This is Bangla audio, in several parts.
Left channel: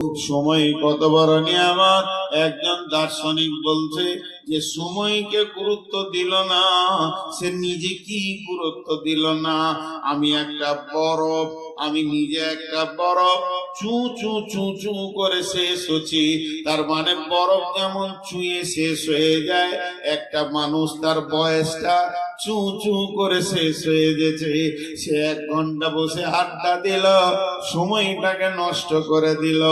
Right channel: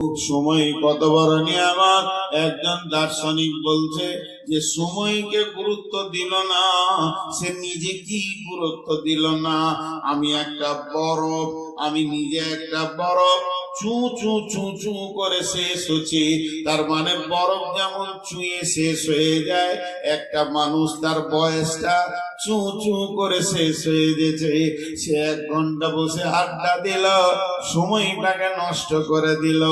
সময় কত বড় নিয়ামত। একজন দার্শনিক বলছে যে সময়কে গুরুত্ব দিল না, সে নিজে কি গুরুত্ব দিল না। আমি একটা বরফ, আমি নিজে একটা বরফ চু চু চু চু করে শেষ হচ্ছি। তার মানে বরফ যেমন চুয়ে শেষ হয়ে যায়, একটা মানুষ তার বয়সটা চু চু করে শেষ হয়ে গেছে। সে 1 ঘন্টা বসে আড্ডা দিল, সময়টাকে নষ্ট করে দিল।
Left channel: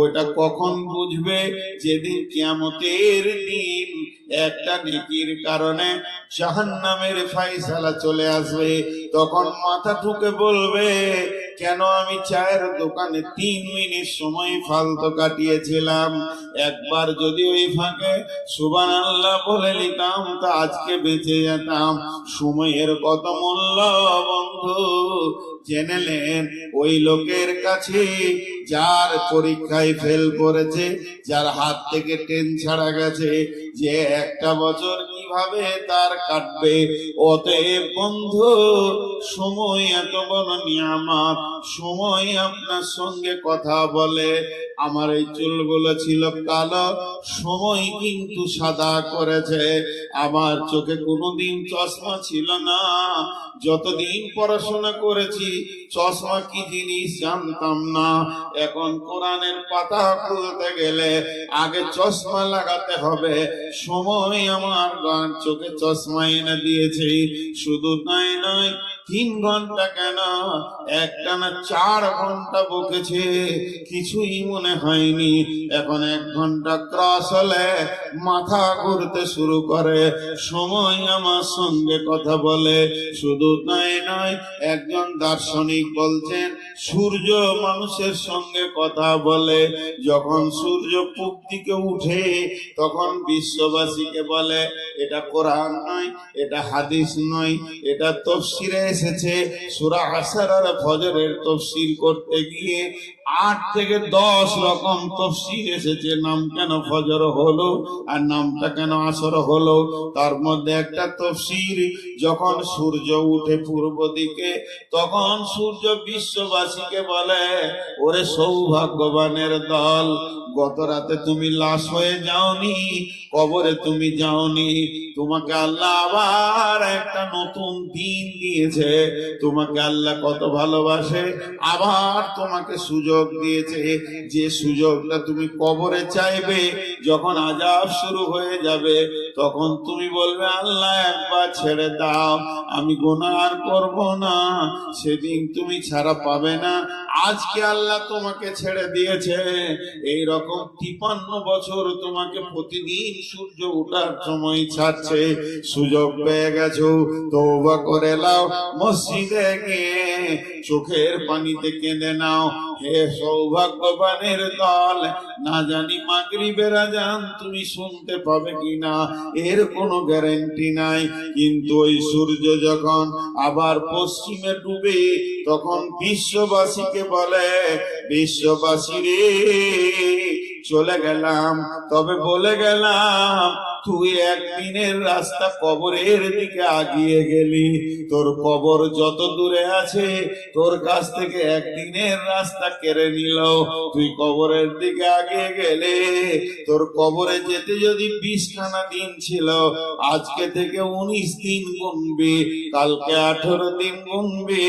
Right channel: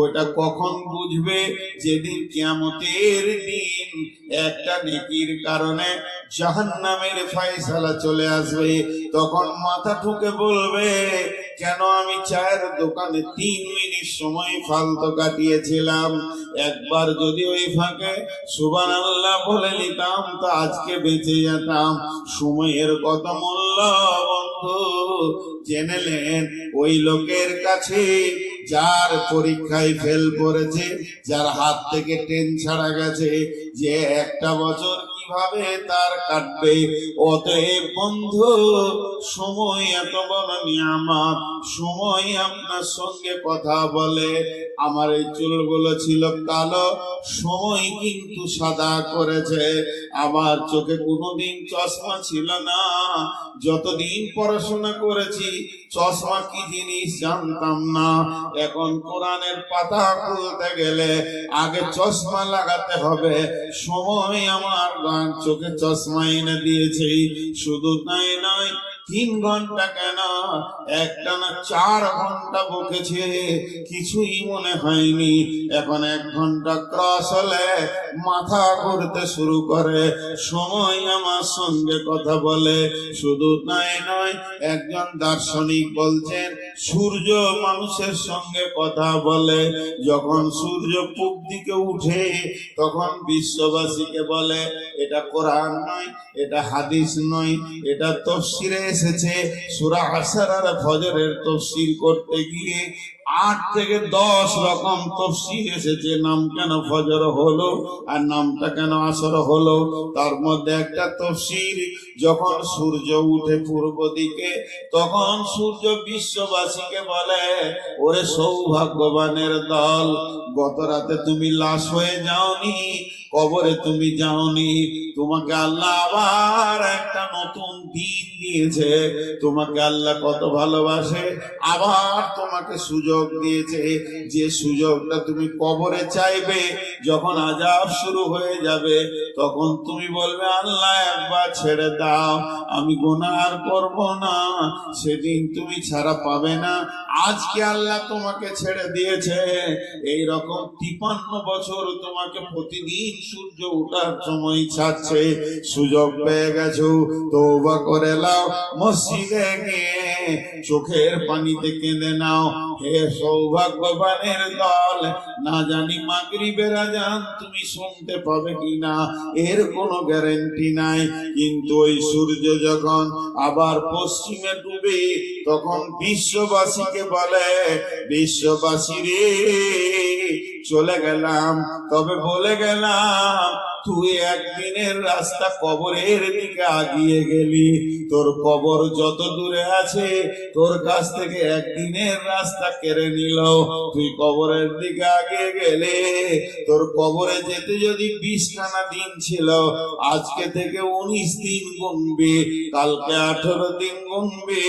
ওটা কখন বুঝবে? যেদিন কিয়ামতের দিন একটা নেকির কারণে জাহান্নামের ফায়সালা চলে আসবে, তখন মাথা ঠুকে বলবে, কেন আমি চায়ের দোকানে 3 মিনিট সময় ফালতু কাটিয়েছিলাম। একবার যদি ওই ফাঁকে সুবহানাল্লাহ বলে নিতাম তা আজকে বেঁচে যেতাম। সময়ের কত মূল্য বন্ধু জেনেলেন ওই লোকের কাছে যার পরীক্ষায় ফেল করেছে, যার হাত থেকে ট্রেন ছাড়া গেছে, যে 1টা বছর কিভাবে তার কাটবে। অতএব বন্ধু, সময় এত বড় নিয়ামত। সময় আপনার সঙ্গে কথা বলে। আমার এই চুলগুলো ছিল কালো, সময় কিন্তু সাদা করেছে। আমার চোখে কোনোদিন চশমা ছিল না, যতদিন পড়াশোনা করেছি চশমা কি জিনিস জানতাম না। এখন কোরআনের পাতা খুলতে গেলে আগে চশমা লাগাতে হবে। সময় আমার চোখে চশমা এনে দিয়েছে। শুধু তাই নয়, 3 ঘন্টা কেন, একটানা 4 ঘন্টা বকেছে, কিছুই মনে হয়নি। এখন 1 ঘন্টা ক্রস হলে মাথা ঘুরতে শুরু করে। সময় আমার সঙ্গে কথা বলে। শুধু তাই নয়, একজন দার্শনিক বলছেন সূর্য মানুষের সঙ্গে কথা বলে। যখন সূর্য পূব দিকে উঠে তখন বিশ্ববাসীকে বলে, এটা কোরআন নয়, এটা হাদিস নয়, এটা তাফসীরে এসেছে। সূরা আসর আর ফজরের তাফসীর করতে গিয়ে 8 থেকে 10 রকম তাফসীর এসেছে। নাম কেন ফজর হলো আর নামটা কেন আসর হলো? তার মধ্যে একটা তাফসীর, যখন সূর্য উঠে পূর্ব দিকে তখন সূর্য বিশ্ববাসীকে বলে, ওরে সৌভাগ্যবানের দল, গত রাতে তুমি লাশ হয়ে যাওনি, কবরে তুমি যাওনি, তোমাকে আল্লাহ আবার একটা নতুন দিন দিয়েছে। তোমাকে আল্লাহ কত ভালোবাসে, আবার তোমাকে সুযোগ দিয়েছে। যে সুযোগটা তুমি কবরে চাইবে, যখন আযাব শুরু হয়ে যাবে তখন তুমি বলবে, আল্লাহ একবার ছেড়ে দাও, আমি গুনাহ আর করব না। সেদিন তুমি ছাড়া পাবে না। আজকে আল্লাহ তোমাকে ছেড়ে দিয়েছে, এই রকম 53 বছর তোমাকে প্রতিদিন সূর্য ওঠার সময় ছাড়ছে। সুযোগ পেয়ে গেছো, তওবা করে নাও, মসজিদে গিয়ে চোখের পানিতে কেঁদে নাও। হে সৌভাগ্যবানের দল, না জানি মাগরিবের আযান তুমি শুনতে পাবে কিনা, এর কোনো গ্যারান্টি নাই। কিন্তু ওই সূর্য যখন আবার পশ্চিমে ডুবে তখন বিশ্ববাসীকে বলে, বিশ্ববাসী রে, চলে গেলাম, তবে বলে গেলাম, তুই একদিনের রাস্তা কবরের দিকে আগিয়ে গেলি। তোর কবর যত দূরে আছে তোর কাছ থেকে একদিনের রাস্তা কেড়ে নিল। তুই কবরের দিকে আগিয়ে গেলে, তোর কবরে যেতে যদি 20খানা দিন ছিল, আজকে থেকে 19 দিন গুনবি, কালকে 18 দিন গুনবি।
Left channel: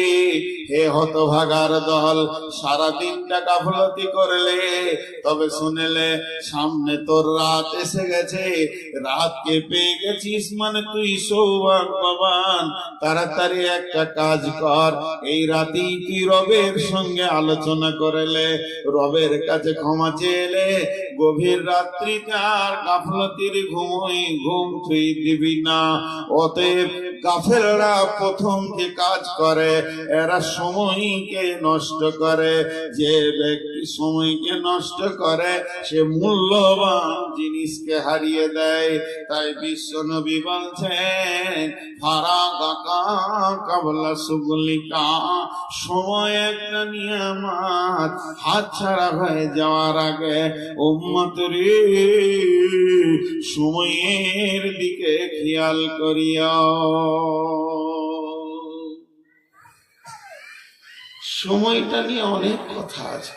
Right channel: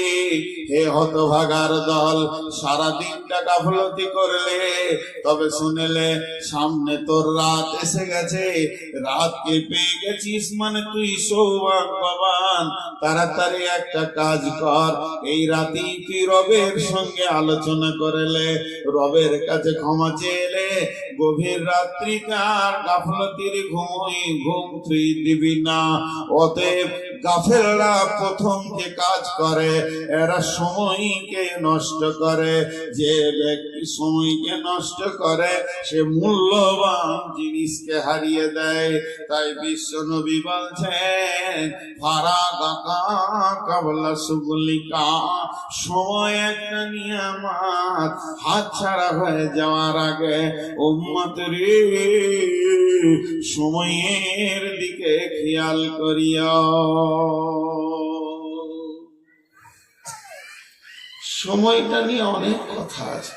হে হতভাগার দল, সারা দিনটা গাফলতি করলে, তবে শুনেলে সামনে তোর রাত এসে গেছে, রাতকে পেয়ে গেছিস মানে তুই সৌভাগ্যবান। তাড়াতাড়ি একটা কাজ কর, এই রাতেই তুই রবের সঙ্গে আলোচনা করলে, রবের কাছে ক্ষমা চেলে, গভীর রাত্রিকার গাফলতির ঘুম তুই দিবি না। অতএব গাফেলরা প্রথম যে কাজ করে, এরা সময়কে নষ্ট করে। যে ব্যক্তি সময়কে নষ্ট করে সে মূল্যবান জিনিসকে হারিয়ে দেয়। তাই বিশ্ব নবী বলছেন, ফারাগাকা কাবলা সুগলিকা, সময় একটা নিয়ামত, হাতছাড়া হয়ে যাওয়ার আগে উম্মত রে, সময়ের দিকে খেয়াল করিয়া। সময়টা নিয়ে অনেক কথা আছে।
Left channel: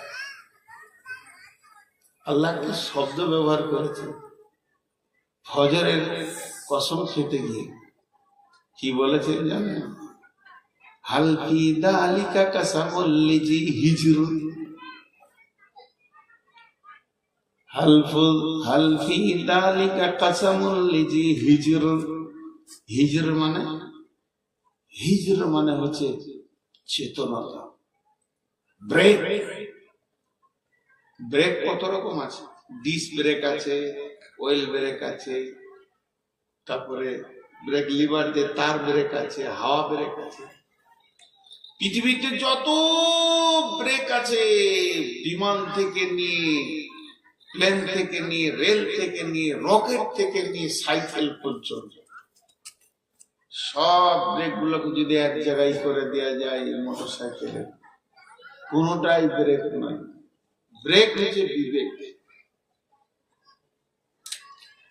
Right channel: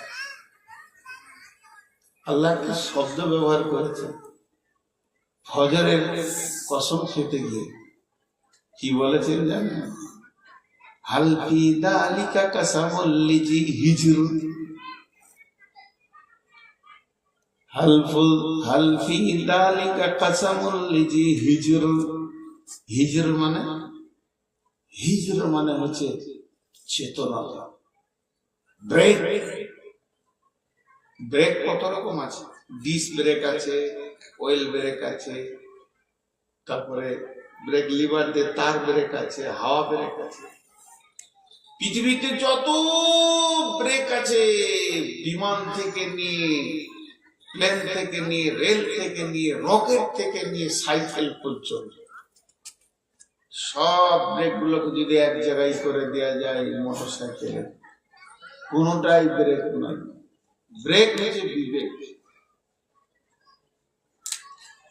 আল্লাহ একটা শব্দ ব্যবহার করেছেন ফজরের কসম খেতে গিয়ে। কি বলেছেন জানেন? হাল ফি দালিকা কাসামুল লিজি হিজর, হাল ফি দালিকা কাসামুল লিজি হিজর। হিজর মানে হচ্ছে চেতনতা। ব্রেক, ব্রেক কত রকম আছে? ডিস্ক ব্রেক আছে, অয়েল ব্রেক আছে, তারপরে ব্রেক লিভার দিয়ে তার ব্রেক আছে, হাওয়া ব্রেক আছে। পৃথিবীতে যত ব্রেক আছে, বিমান থেকে নিয়ে, প্লেন থেকে নিয়ে, রেল থেকে নিয়ে, রকেট থেকে নিয়ে, সাইকেল পর্যন্ত সব ব্রেক গুলোকে যদি এক জায়গায় করে দেওয়া যায় মোটর সাইকেলের, কোনটাই ব্রেক নয়। ব্রেক হচ্ছে বিবেক,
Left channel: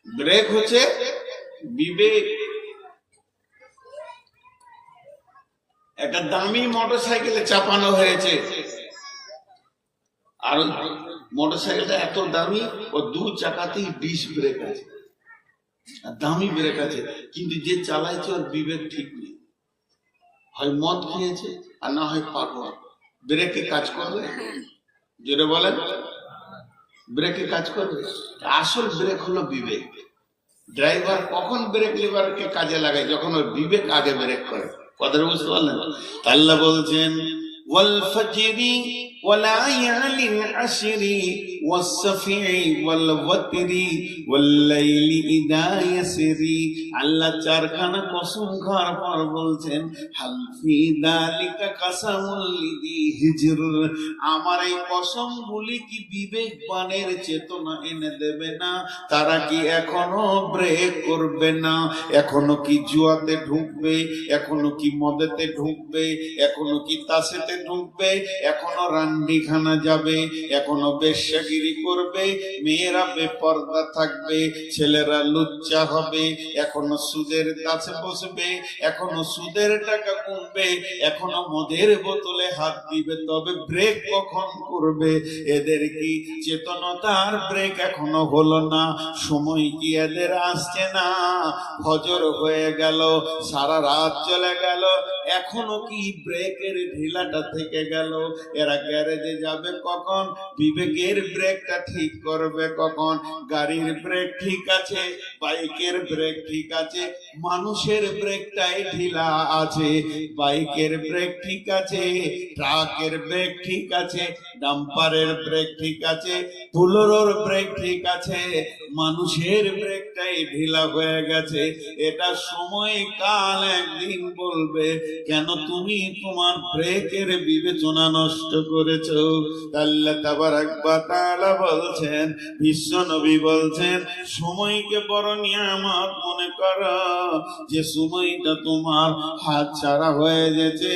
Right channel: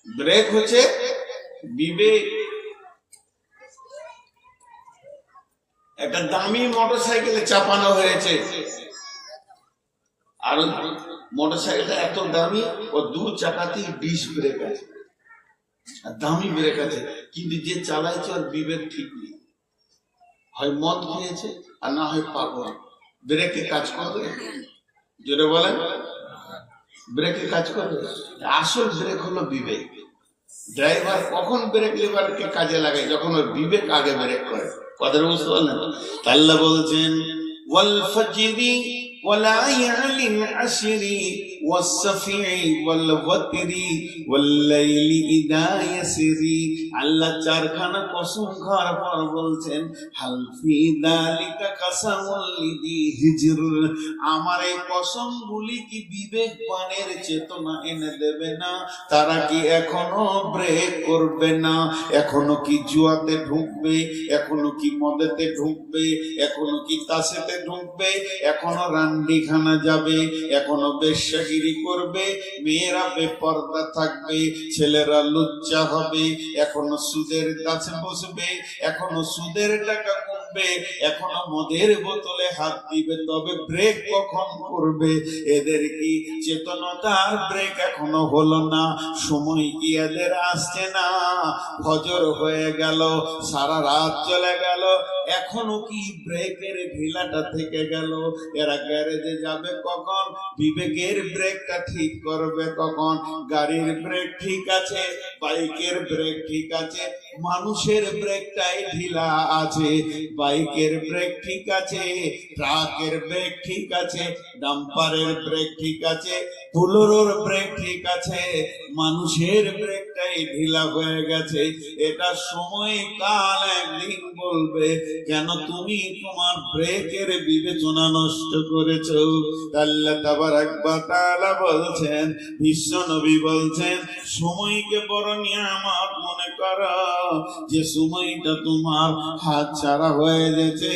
ব্রেক হচ্ছে বিবেক। একটা দামি মোটর সাইকেলে চাপানো হয়েছে, আর মোটর সাইকেলটা এত দামি, ও দু চাকাতেই ডিস্ক ব্রেক আছে, আর দামি ব্রেক আছে, কিন্তু যে চালাইছে ওর বিবেক ঠিক নেই, হয় মদ খেয়েছে আর না হয় পাগল। ব্রেকে কাজ করবে? জোরে বলেন, ব্রেকে কাজ করবে? আসল ব্রেক হলো বিবেক। ড্রাইভার কখন ব্রেক লিভারকে কাজে লাগায়? যখন ওর বিবেক আগে ব্রেক করে। কথা বুঝতে পারলেন? আল্লাহ বলছেন ওয়াল ফাজরি ওয়ালায়ালিন আশরি ওয়াসফি ওয়াল ওয়াতরি ওয়াল লাইলি ইদা ইয়াসরি। আল্লাহ চারখানা কসম খাওয়ার পর বলছেন হাল ফি যালিকা কাসামুল লিযি হিজর। আমার এই কসমগুলি কি বিবেকবানের চেতনা এনে দেবে না? তারা কি এখনো ব্রেক করবে না? এখনো কি জুয়াতে ঢুকবে? এখনো কি মদেতে ঢুকবে? এখনো কি তাসেতে ঢুকবে? এখনো রান্ডিখানা যাবে? এখনো বেশ্যাগিরি করবে? মেয়েরা বেপর্দা থাকবে, ছেলেরা লুচ্চা হবে, এখনো সুদের কাছে বসবে, এখনো সুদের টাকা কমবে, এখনো মদের বোতলে হাত দিবে। তবে ব্রেক কখন করবে? এদের কি চেতনতার ব্রেক এখনো হলো না? সময় কি এদের আসছে না? ফজর হয়ে গেল, সারা রাত চলে গেল, এখনো কি ব্রেকের ঢিলাটা থেকে গেল? এরা গ্যারেজে যাবে কখন? বিবেকের ব্রেকটা ঠিক করবে কখন? গাড়ির ব্রেক ঠিক আছে, বাইকের ব্রেক ঠিক আছে, মানুষের ব্রেকটাই ঢিলা আছে। বাইকের ব্রেক ঠিক আছে, ট্রাকের ব্রেক ঠিক আছে, ডাম্পারের ব্রেক ঠিক আছে, বুলোরোর ব্রেক ঠিক আছে, মানুষের ব্রেকটাই ঢিলা হয়ে গেছে। এটা সময় কাল একদিন বলবে কেন তুমি তোমার ব্রেকের বিবেচনা নষ্ট করেছো। আল্লাহ তাবারাক ওয়া তাআলা বলছেন, বিশ্ব নবী বলছেন, সময়কে বড় নিয়ামত মনে করো, যে সময়টা তোমার হাত ছাড়া হয়ে গেছে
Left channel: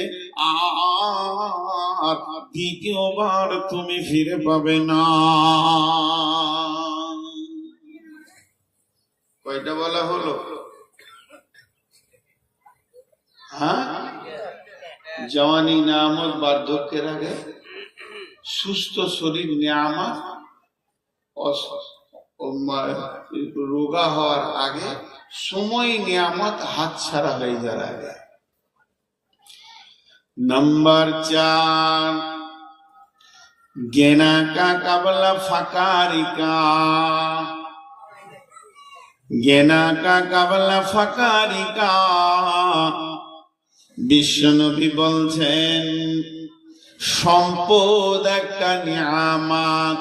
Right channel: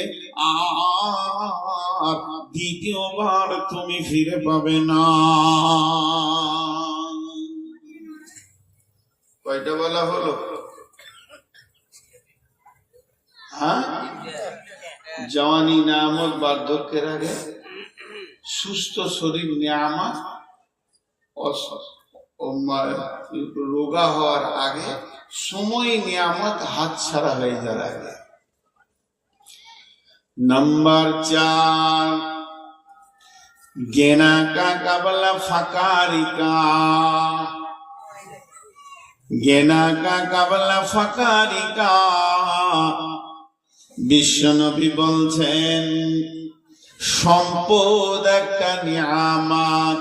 আর দ্বিতীয়বার তুমি ফিরে পাবে না। কয়টা বলা হলো? হ্যাঁ, জওয়ানি নিয়ামত বার্ধক্যের আগে, সুস্থ শরীর নিয়ামত রোগা হওয়ার আগে, সময় নিয়ামত হাত ছাড়া হয়ে যাওয়ার আগে। नंबर 4, गेना का कबला फकारी का, गेना का कबला फकारी का। বিশ্বনবী বলছেন, সম্পদ একটা নিয়ামত,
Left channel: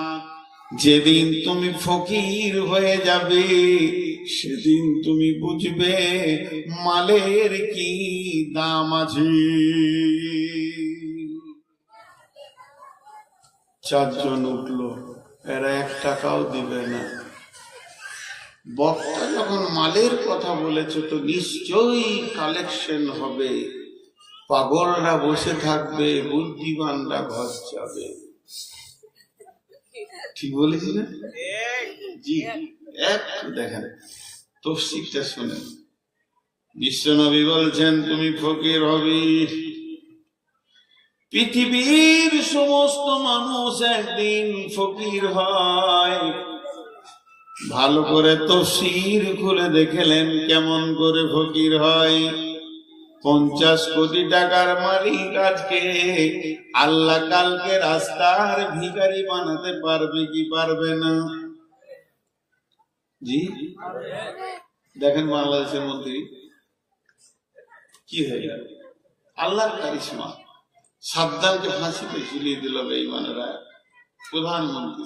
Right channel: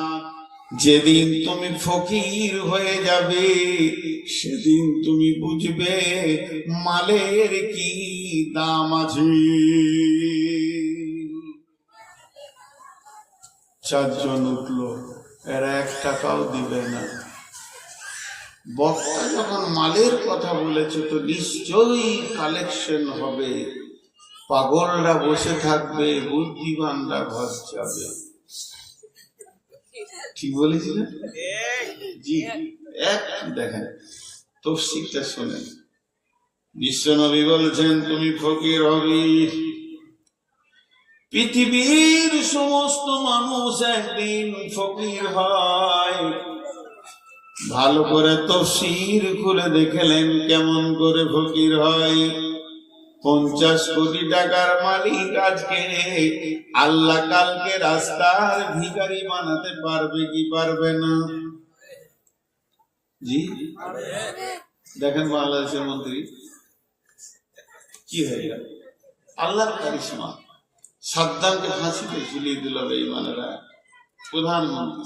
যেদিন তুমি ফকির হয়ে যাবে সেদিন তুমি বুঝবে মালের কি দাম আছে। 4 জন উঠলো, এরা 1 টাকাও দিবে না। বক্তা যখন মালের কথা বলেছে তো নিশ্চয়ই কালেকশন হবে। পাগলরা বসে থাকবে, বুদ্ধিমানরা ঘর যাবে। ঠিক বলেছি না? জি, একটু দেখেন তফসিরটা শোনেন। বিশ্বনবী বলছেন, তুমি ফকির হবে। পৃথিবীর সমস্ত মানুষ একদিন ফকির হয়, ভালো করে তফসির খুলে দেখলেন কেমন করে ফকির হয়। 50 কোটি টাকার মালিক আজকে আল্লাহ কালকে রাস্তার ভিখারি বানাতে পারবে কি পারবে না? জি দেখেন বাংলাদেশের মন্ত্রী কি হয়ে গেল, আল্লাহর কারিশমা। সাদ্দামকে ফাঁসিতে ঝুলিয়ে দিল বেঈমানেরা। প্রধানমন্ত্রী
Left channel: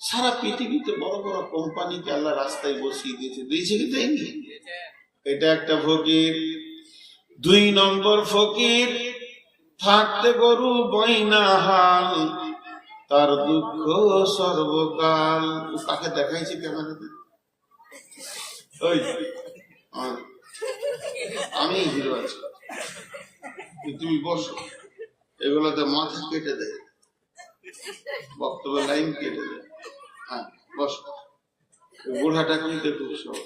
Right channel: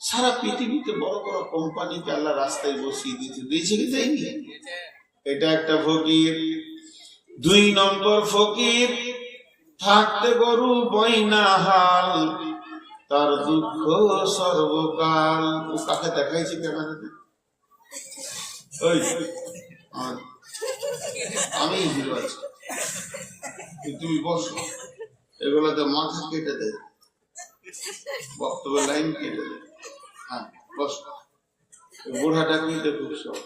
সারা পৃথিবীতে বড় বড় কোম্পানিকে আল্লাহ রাস্তায় বসিয়ে দিয়েছে কি দেয়নি? এটা একটা ফকির। 2 নম্বর ফকির, থাকতে গরু বইনা হাল, তার দুঃখ সর্বকাল। ও কাকে দেখাইছে ক্যামেরাতে? ওই আমি হিরো আছি, তুমি বসো। এগুলোতে মাথা কেটে দেয়, বক্তব্য লাইন কেটে দেয়। হ্যাঁ বসো। বুড়াটা কি দেখো সব।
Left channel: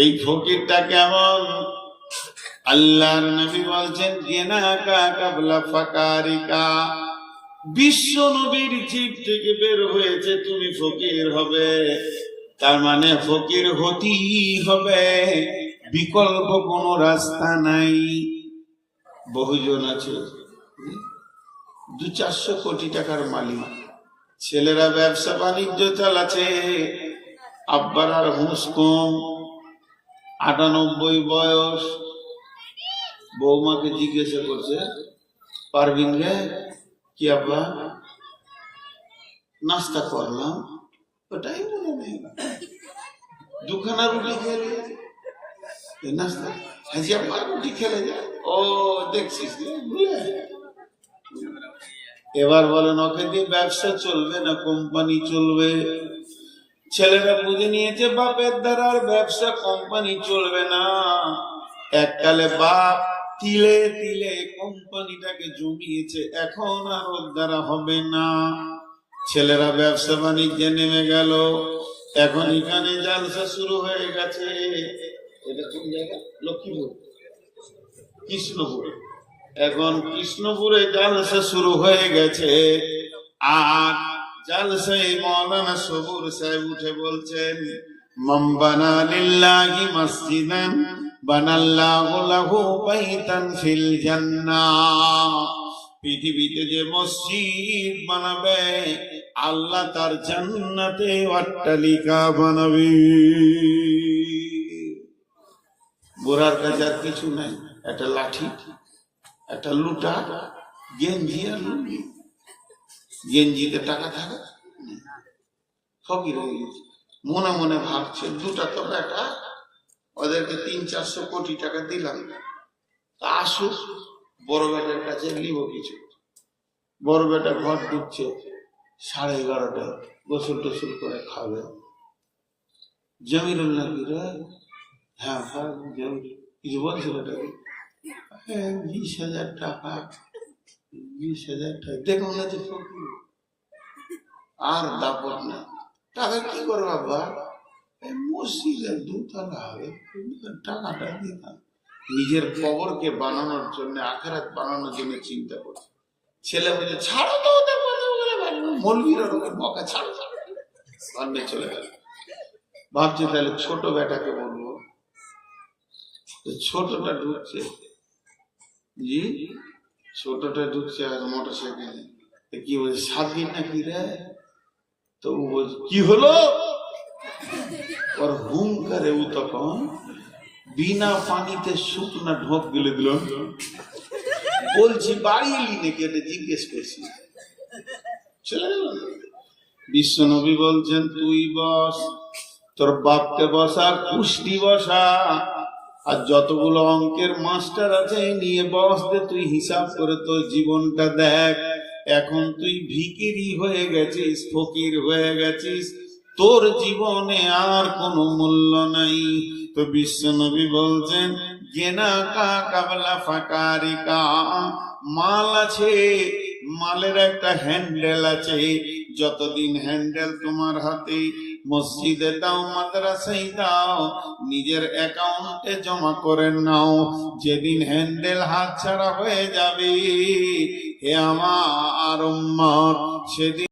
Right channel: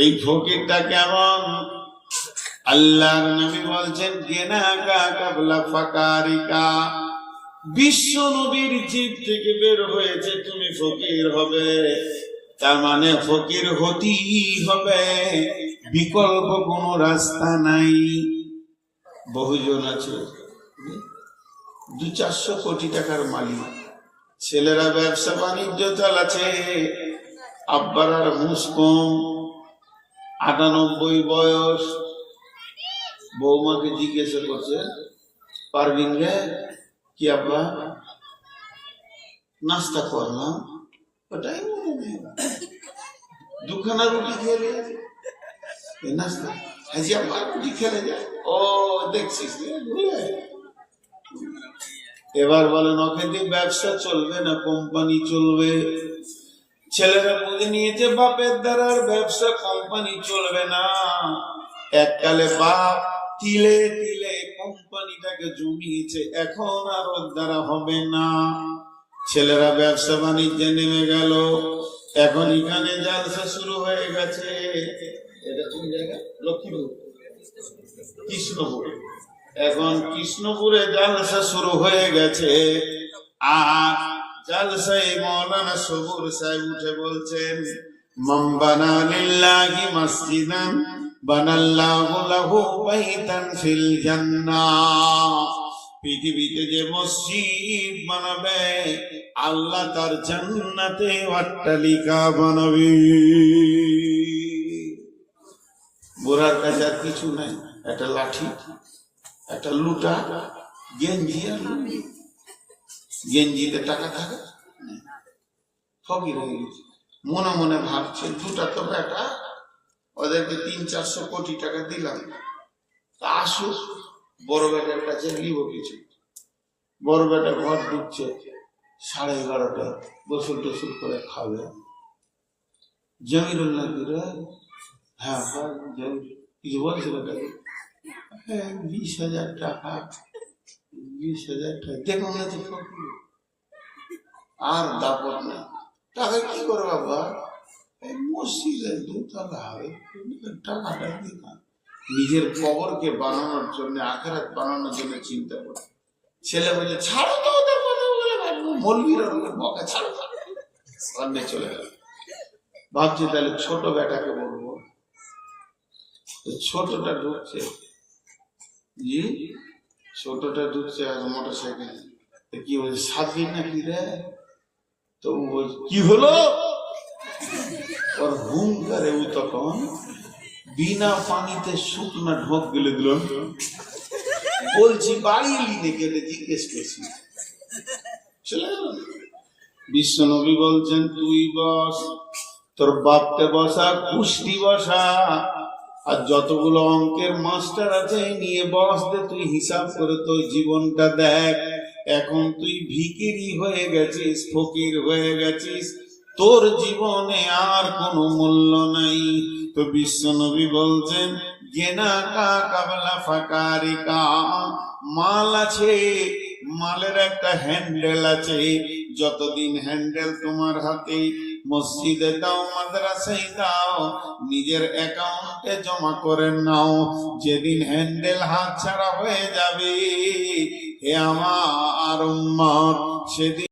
এই ফকিরটা কেমন? আল্লাহর নবী বলছেন গেনাকা কাবলা ফাকারিকা, বিশ্ব নবীর জিভ থেকে বের হয়েছে তুমি ফকির হবে, তার মানে ফকির হতেই হবে, বিকল্প কোনো রাস্তা নাই। বহুজন আছে 200-400 কোটি টাকার মালিক, ছেলেরা ব্যবসা বাণিজ্য চালাচ্ছে, আব্বার আর হুঁশ কম, 98 বয়স। বৌমাকে জিজ্ঞাসা করছে পারবিন রে কি আব্বা নাস্তা করলাম, ওটাই মনে নেই, 2খানা রুটি খেলে নাস্তা, হাজি আব্বা রুটি খেলে যায়। ও দেখছিস এবার বলেন ওকে দিয়ে ব্যবসা চলবে না কোম্পানি চলবে? ছেলেরা বুঝে নিয়েছে বাপের দ্বারা ব্যবসা কোম্পানি চলবে না। এককালে বাপ তিলে তিলে কোম্পানিটাকে জমিয়েছে, এখন আর ওর দ্বারা হবে না। ছেলেরা ব্যবসা বাণিজ্যে নেমে গেল, এখন এখানে জালসা শুরু হয়ে গেছে। এটা কোন জায়গা? লক্ষ্মীপুর, কৃষ্ণপুর। এখন কৃষ্ণপুরে জালসা শুরু হয়ে গেছে। আর জালসায় মাওলানা সবুর সাহেব উঠে বলছেন মান বানা লিল্লাহি মসজিদান বানাল্লাহু লাহু বাইতান ফিল জান্নাহ। পৃথিবীতে যে মসজিদ বানাবে আল্লাহ তার জান্নাতে অট্টালিকা বানাবে। গোরার কাছে আর কিছু নাই, একটা লাঠি, একটা লুটা, গেঞ্জি আর লুঙ্গি। গেঞ্জিতে টাকা থাকা ফকির হয়ে গেছে। মনে মনে ভাবছে 2টা তো বেটা, ওদেরকে 300-400 কোটি টাকা দিলাম, আসুক বড় বেটার কাছে নিব কিছু। বড় বেটা ঘর ঢুকছে 11:30টায়, গোসল টোসল করে খাবে। জমিরুল নাকি রে? হ্যাঁ কিছু বলছিল 20,000 টাকা, 20,000 টাকা দেখুন আছে ফকির। আর দাপট না, টাকা কি করবো বাবা? মসজিদের 2 তলা হবে, টাকাটা দিতাম। নিজের কবরকে বানানোর জন্য, আখিরাত বানানোর জন্য চিন্তা করে। ছেলে বলে ছাড়ো তো ওদের কথা বলে, মৌলবীর ওদের বকা ছাড়ো, সামনে চলে গেল। ভাবছি তাহলে ছোট বেটাকে বলবো। ছোটটা ঢুকছে, জি ছোটটা ঢুকছে আজ মোটরসাইকেল। কি বলছে সাবি নাকি রে? তো কি হলো? ওর হুঙ্কারে ও তখন বিনা পানিতে শুকনা ঢোক গেলে দিল। বলছি বাড়ি এলি নাকি, এটা জিজ্ঞেস করছি। চলে গেল। বিশ্ব নবী বলছেন তুই বস, তোর বাপকে বসা, কুষ্টি বসা, আর যতগুলো অঙ্কের মাস্টার আছে নিয়ে বস দে, তুই হিসাব করে তোর জীবনটা দেখ। এখন তুই ভিখিরি হয়ে গেছিস, ফকির হয়ে গেছিস, তোর জীবনে আর কোনো মূল্য নাই। তো বিশ্ব নবী বলছেন গেনাকা কাবলা ফাকারিকা, মাল আছে, মালের একটা হ্যান্ডেল আছে। যতদিন হ্যান্ডেল তোমার হাতে, মসজিদে দাও, মাদ্রাসায় দাও, নিজের অ্যাকাউন্টে জমা করে নাও। যেদিন হ্যান্ডেল হাত ছাড়া হয়ে যাবে, হে আমার আমার উম্মত সেদিন